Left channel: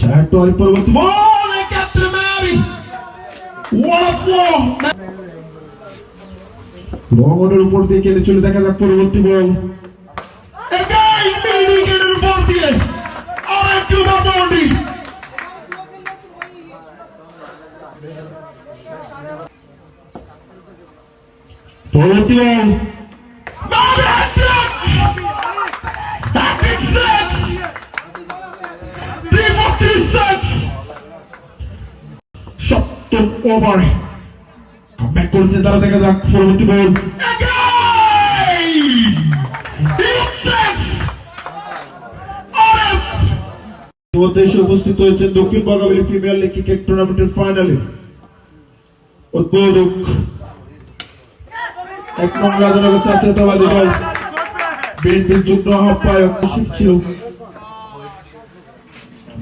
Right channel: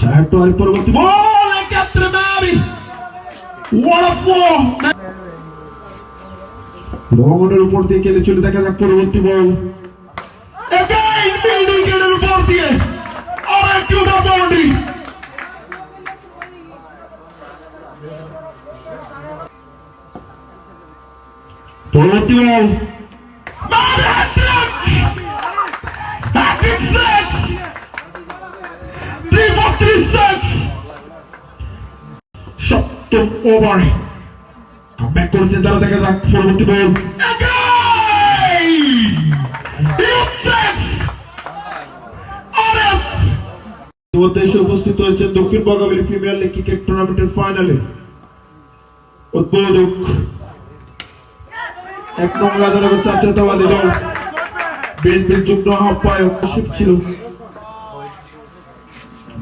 সাহেব তো পরবর্তী বল একাত্রে মারি what a four মোহাম্মদের উপর দিয়ে কেটে চলে দেখা যাক পরবর্তী বল again বিল্ডিংয়ের উপর দিয়ে আরেক কিলোমিটার বাউন্ডারি পরবর্তী বল সপ্তম ওভারে ব্যাক করছে তারা দেখা যাক পরবর্তী বল এসে উপস্থিত হয়েছে দক্ষিণ বঙ্গাবলী প্রিমিয়ার লিগ ক্রিকেট টুর্নামেন্টের ফাইনালে উদ্বোধক ১ নং রাজনগর জাতীয়তাবাদী দল বিএনপির যুগ্ম আহ্বায়ক ছিল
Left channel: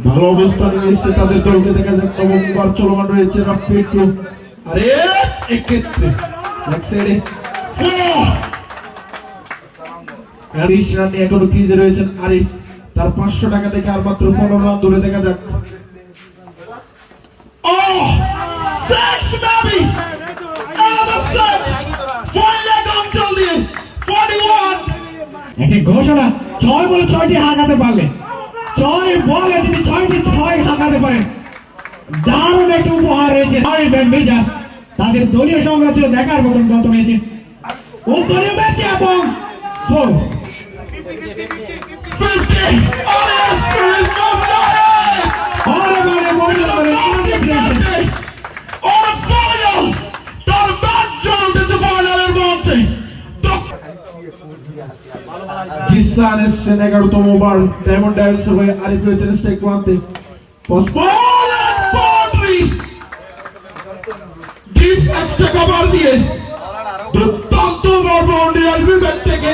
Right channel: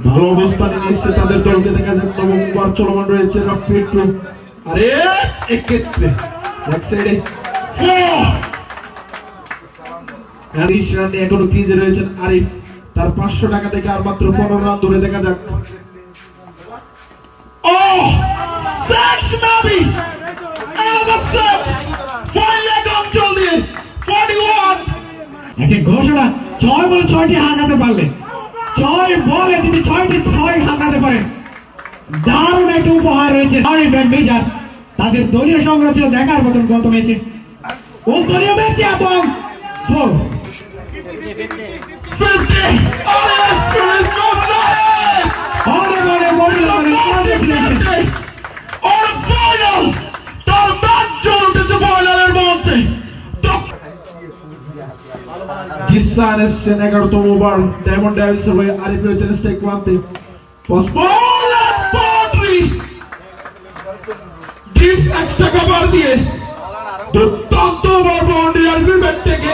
ভালো অবস্থানে এসেছে তাদের দলকে দেখা যাক নবম ওভার চলমান রয়েছে আরে এক্ষেত্রে এখনো ক্রিজে রয়েছেন আরিফ তার 500 টাকা থেকে আর মাত্র 15 রান ধরে দেখা যাক ঘোষণা 6 বলে 6টি হাঁকাতে পারলে 6 বলে যদি 6টি 6 হাঁকাতে পারেন দারুণ একটি উপহার রয়েছে মেজার তাদের দলীয় সংগ্রহ ছিল দেখার মতন গত ম্যাচে দলীয় ম্যাচে এবং জিসান এসছেন 11তম ওভার ডায়মন্ড ডায়ালসের হয়ে আরিফ রয়েছেন স্ট্রাইক ওয়ানতে ডিপ এক্সট্রা কভার দিয়ে দুর্দান্ত ওভার বাউন্ডারি আরিফের ব্যাট থেকে